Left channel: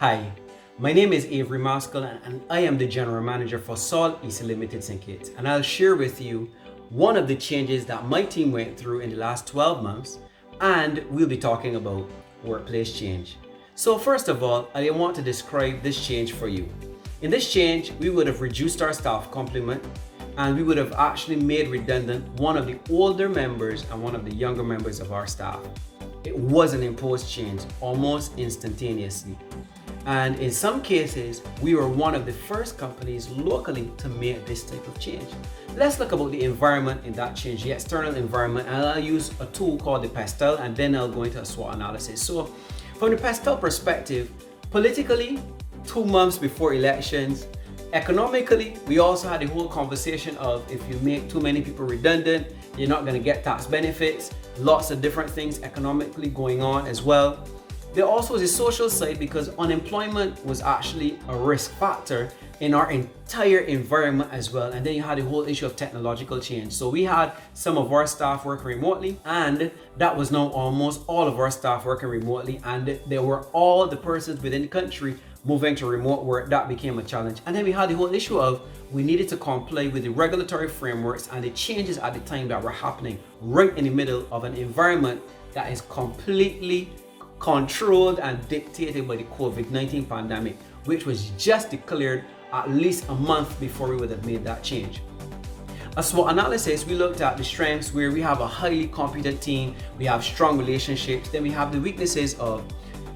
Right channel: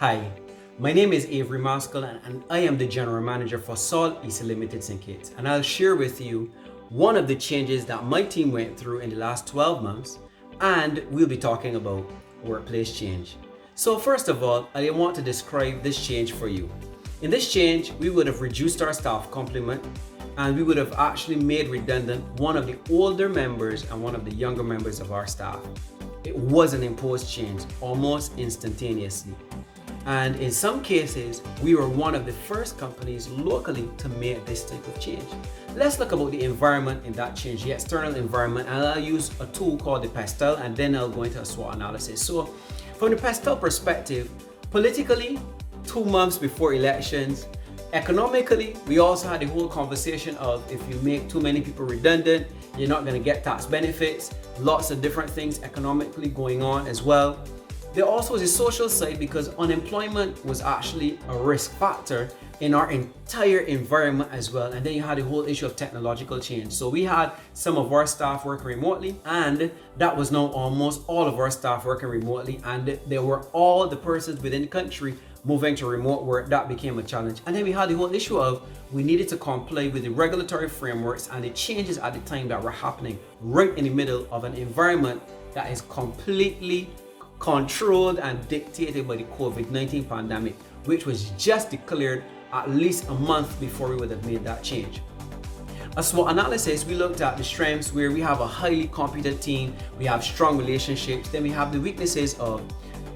Hi, my name is Avery Mascoll and I am the General Manager for Sol East Limited St. Kitts, and I'll share with you one of the changes that my team went through in the last 12 months, and we'll be talking about workplace change. So first of all, I want to describe this change for you. In this change, we would have reduced our staff complement and we would have actually made redundant one of the older members and one of the younger members of our staff. It was an imposed change almost instantaneously. And in some cases, we were one of the first companies locally to make this type of change. Let's look about the environment in that change, the external environment, and I'll use a tool called the PESTEL, and then I'll go into a SWOT analysis. So from the PESTEL perspective, politically, 2 months before elections, economically, we also had the whole conversation of if you make too many people redundant, you're not going to get tax benefits, lots of different things economically going on as well. There also was a social side because unemployment was actually a risk factor in our entire environment as well. And then you had the whole issue of technological change. So we had some of our staff working remotely, and that was now almost all of our staff working remotely. And there were all the persons within the country moving to remote work. That became a challenge. And then we had the whole issue of we needed to comply with the regulatory frameworks and the changes at the time that were happening right in the middle of an environment that is completely controlled and dictated by the COVID-19 pandemic, which was just declared at least a month before we would have made that change. A SWOT analysis, we looked at the strengths where we have a highly competent team, we have strong relationships, then we have the weaknesses of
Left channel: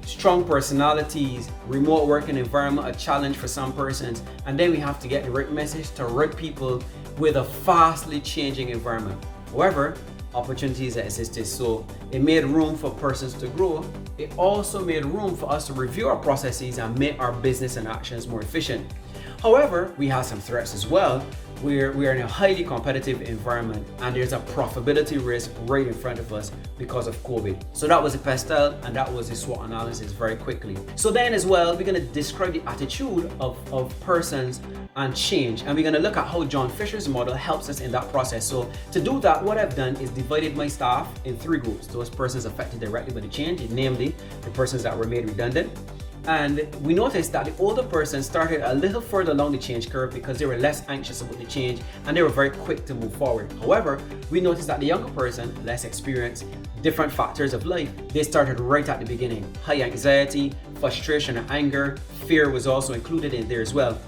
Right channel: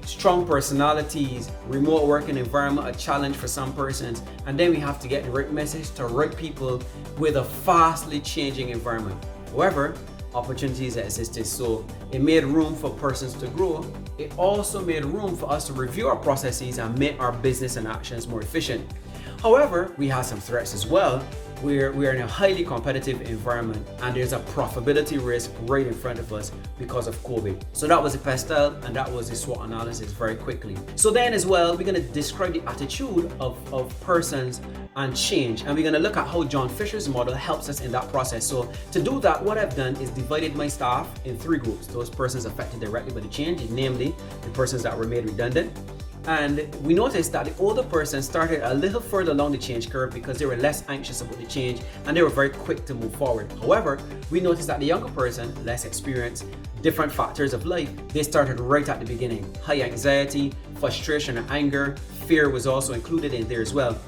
strong personalities, remote working environment, a challenge for some persons, and then we have to get the right message to right people with a fastly changing environment. However, opportunities that existed. So it made room for persons to grow. It also made room for us to review our processes and make our business and actions more efficient. However, we have some threats as well. We're in a highly competitive environment and there's a profitability risk right in front of us because of COVID. So that was the PESTEL and that was the SWOT analysis very quickly. So then as well, we're going to describe the attitude of persons and change. And we're going to look at how John Fisher's model helps us in that process. So to do that, what I've done is divided my staff in 3 groups. Those persons affected directly by the change, namely the persons that were made redundant. And we noticed that the older persons started a little further along the change curve because they were less anxious about the change and they were very quick to move forward. However, we noticed that the younger person, less experienced, different factors of life, they started right at the beginning. High anxiety, frustration, and anger, fear was also included in there as well.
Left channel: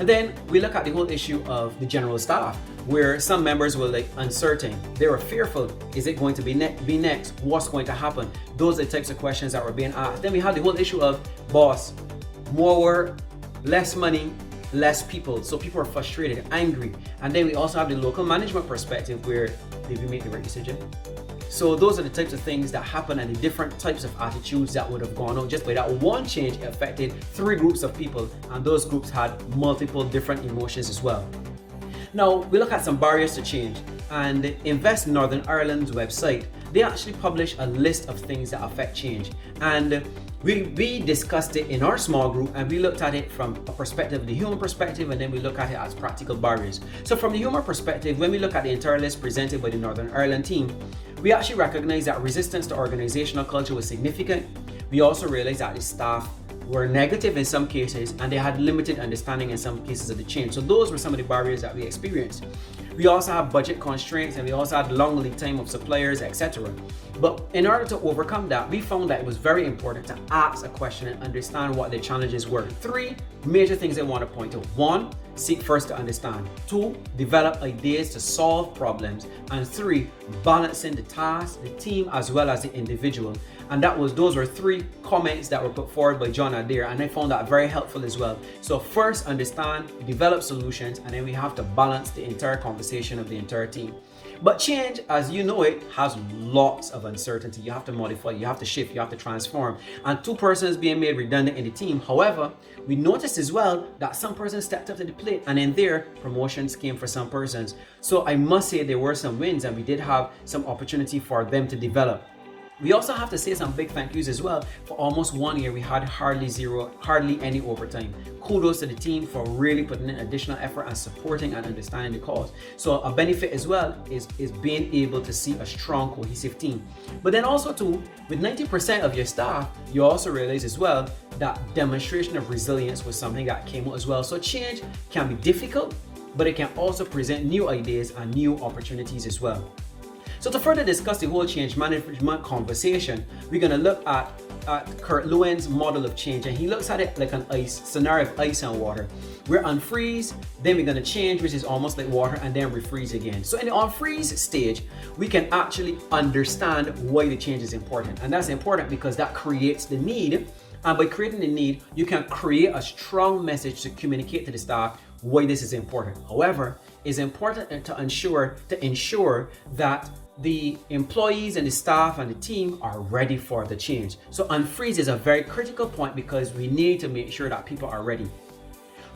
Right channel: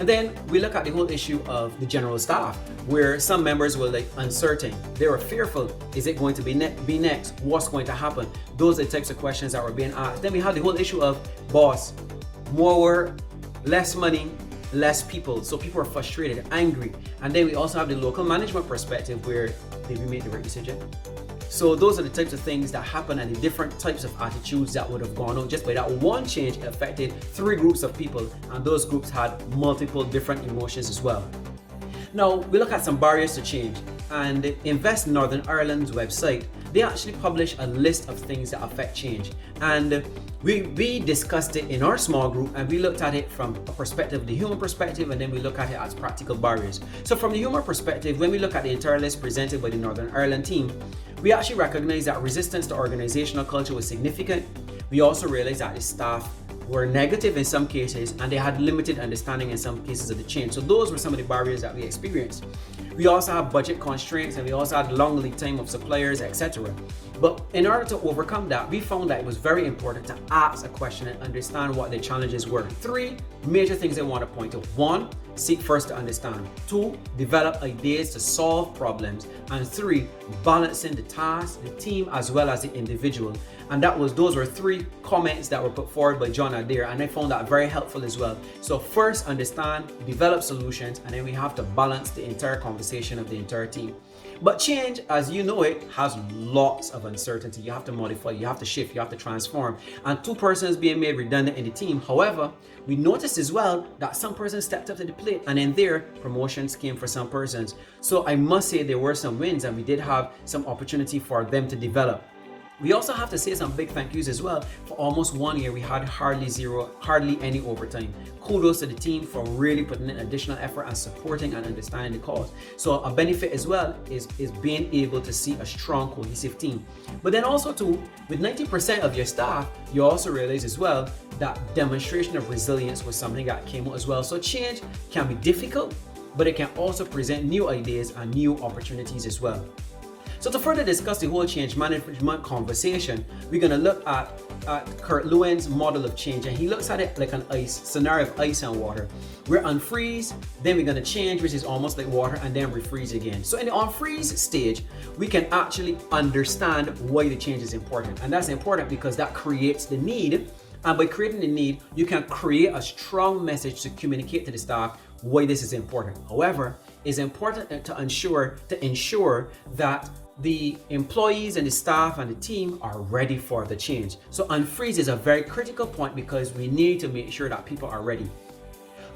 And then we look at the whole issue of the general staff, where some members were uncertain. They were fearful. Is it going to be next? What's going to happen? Those are the types of questions that were being asked. Then we had the whole issue of boss, more work, less money, less people. So people are frustrated, angry. And then we also have the local management perspective where did we make the right decision? So those are the types of things that happen and the different types of attitudes that would have gone on just by that one change affected 3 groups of people, and those groups had multiple different emotions as well. Now we look at some barriers to change, and Invest Northern Ireland's website, they actually publish a list of things that affect change, and we discussed it in our small group and we looked at it from a perspective, the human perspective, and then we look at it as practical barriers. So from the human perspective, when we look at the entire list presented by the Northern Ireland team, we actually recognize that resistance to organizational culture was significant. We also realized that the staff were negative in some cases and they had limited understanding in some cases of the change. So those were some of the barriers that we experienced. We also have budget constraints and we also had long lead time of suppliers, etc. But in order to overcome that, we found that it was very important to ask a question and understand what the challenges were. 3 major things I want to point out. 1, seek first to understand. 2, develop ideas to solve problems. And 3, balancing the task, the team, as well as the individual. And those were 3 comments that were put forward by John Adair, and I found that very helpful as well. So first, understand, develop solutions, and then we have to balance the entire conversation of the entire team. But change, as you know it, has lots of uncertainty. You have to modify, you have to shift, you have to transform. And 2 persons being made redundant in the team. However, we noticed as well that some persons stepped up to the plate, and in there, promotions came for some persons. So I must say there were some wins and we did have some opportunity for them to develop. We also have to say some big thank yous as well. For almost 1 year, we had hardly any overtime. Kudos to the team for really putting in additional effort and supporting and understanding the cause. So a benefit as well is being able to see a strong, cohesive team. But then also too, with 90% of your staff, you also realize as well that demonstration of resilience was something that came out as well. So change can be difficult, but it can also present new ideas and new opportunities as well. So to further discuss the whole change management conversation, we're going to look at Kurt Lewin's model of change, and he looks at it like an ice scenario of ice and water. We're unfreeze, then we're going to change, which is almost like water, and then refreeze again. So in the unfreeze stage, we can actually understand why the change is important, and that's important because that creates the need. And by creating the need, you can create a strong message to communicate to the staff why this is important. However, it's important to ensure that the employees and the staff and the team are ready for the change. So unfreeze is a very critical point because we need to make sure that people are ready.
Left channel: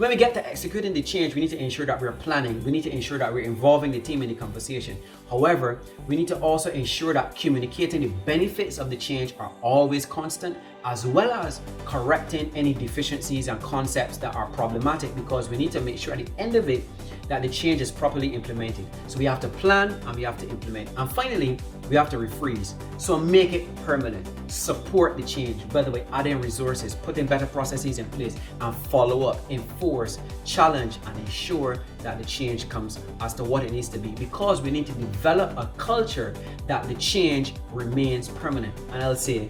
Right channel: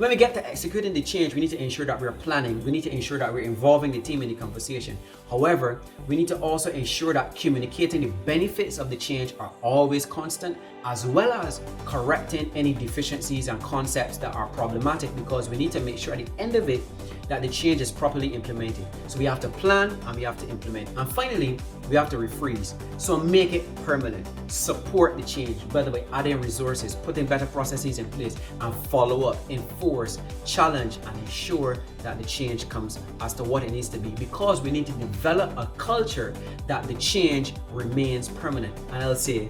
When we get to executing the change, we need to ensure that we're planning. We need to ensure that we're involving the team in the conversation. However, we need to also ensure that communicating the benefits of the change are always constant, as well as correcting any deficiencies and concepts that are problematic, because we need to make sure at the end of it that the change is properly implemented. So we have to plan and we have to implement. And finally, we have to refreeze. So make it permanent. Support the change. By the way, adding resources, putting better processes in place, and follow up, enforce, challenge, and ensure that the change comes as to what it needs to be, because we need to develop a culture that the change remains permanent. And I'll say,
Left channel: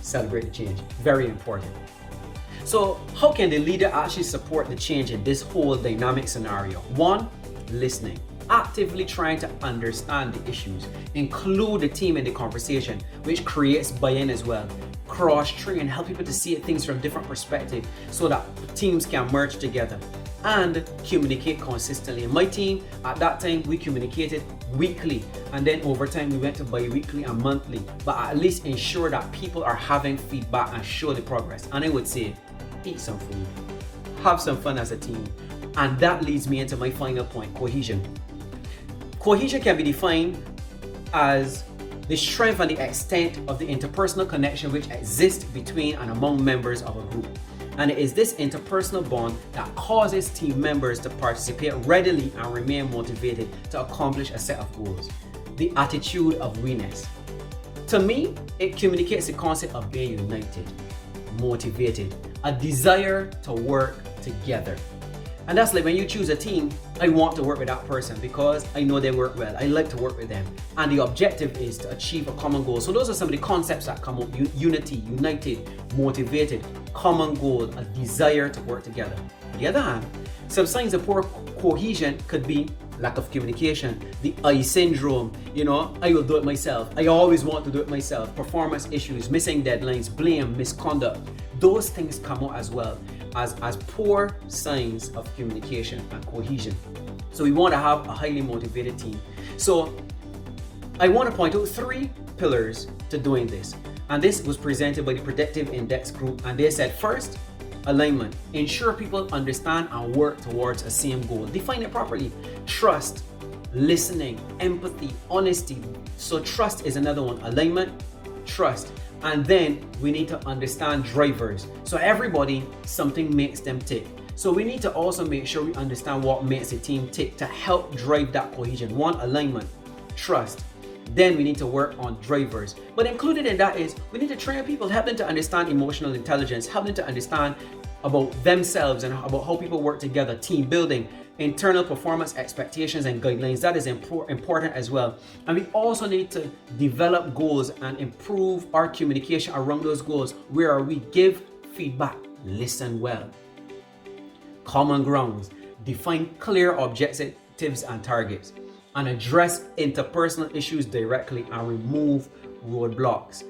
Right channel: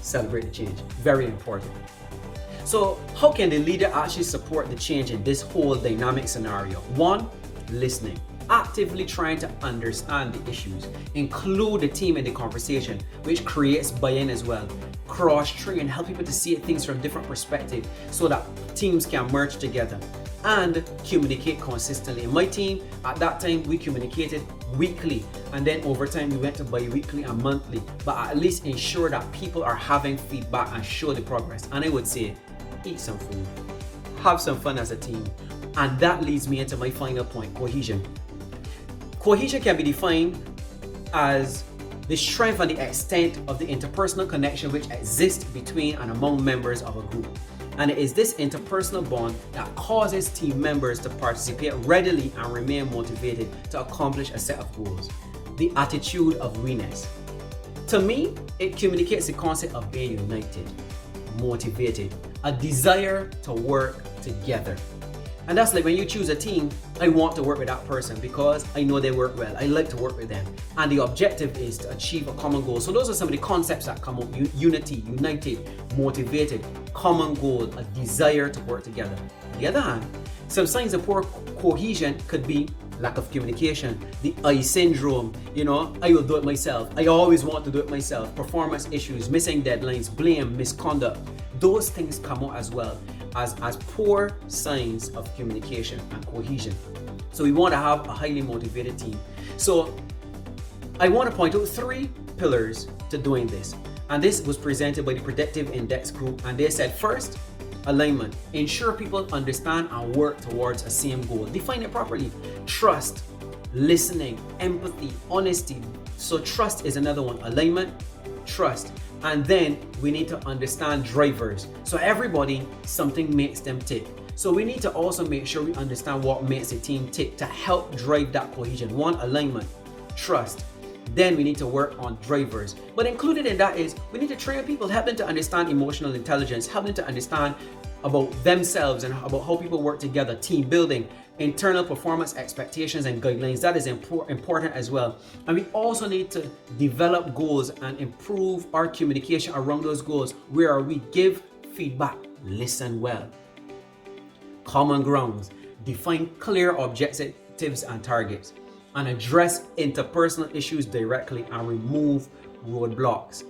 celebrate the change. Very important. So how can the leader actually support the change in this whole dynamic scenario? 1, listening. Actively trying to understand the issues. Include the team in the conversation, which creates buy-in as well. Cross-train, help people to see things from different perspectives so that teams can merge together. And communicate consistently. In my team, at that time, we communicated weekly, and then over time we went to bi-weekly and monthly, but at least ensure that people are having feedback and show the progress. And I would say, eat some food, have some fun as a team. And that leads me into my final point, cohesion. Cohesion can be defined as the strength and the extent of the interpersonal connection which exists between and among members of a group. And it is this interpersonal bond that causes team members to participate readily and remain motivated to accomplish a set of goals. The attitude of we-ness. To me, it communicates the concept of being united, motivated, a desire to work together. And that's like when you choose a team, I want to work with that person because I know they work well. I like to work with them. And the objective is to achieve a common goal. So those are some of the concepts that come up. Unity, united, motivated, common goal, a desire to work together. On the other hand, some signs of poor cohesion could be lack of communication, the I syndrome, I will do it myself. I always want to do it myself. Performance issues, missing deadlines, blame, misconduct. Those things come out as well as poor signs of communication and cohesion. So we want to have a highly motivated team. So I want to point out 3 pillars to doing this. And this was presented by the Predictive Index Group. And they said, first, alignment. Ensure people understand and work towards the same goal. Define it properly. Trust, listening, empathy, honesty. So trust is another one. Alignment, trust. And then we need to understand drivers. So everybody, something makes them tick. So we need to also make sure we understand what makes the team tick to help drive that cohesion. 1, alignment, trust. Then we need to work on drivers. But included in that is we need to train people, help them to understand emotional intelligence, help them to understand about themselves and about how people work together, team building, internal performance expectations and guidelines. That is important as well. And we also need to develop goals and improve our communication around those goals, where we give feedback, listen well. Common grounds, define clear objectives and targets, and address interpersonal issues directly and remove roadblocks.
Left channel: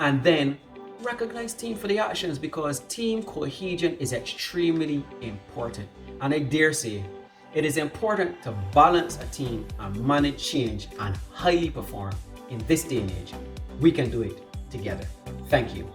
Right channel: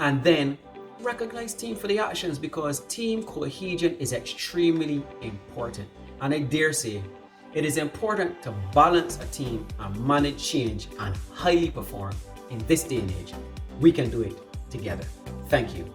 And then recognize team for the actions, because team cohesion is extremely important. And I dare say, it is important to balance a team and manage change and highly perform in this day and age. We can do it together. Thank you.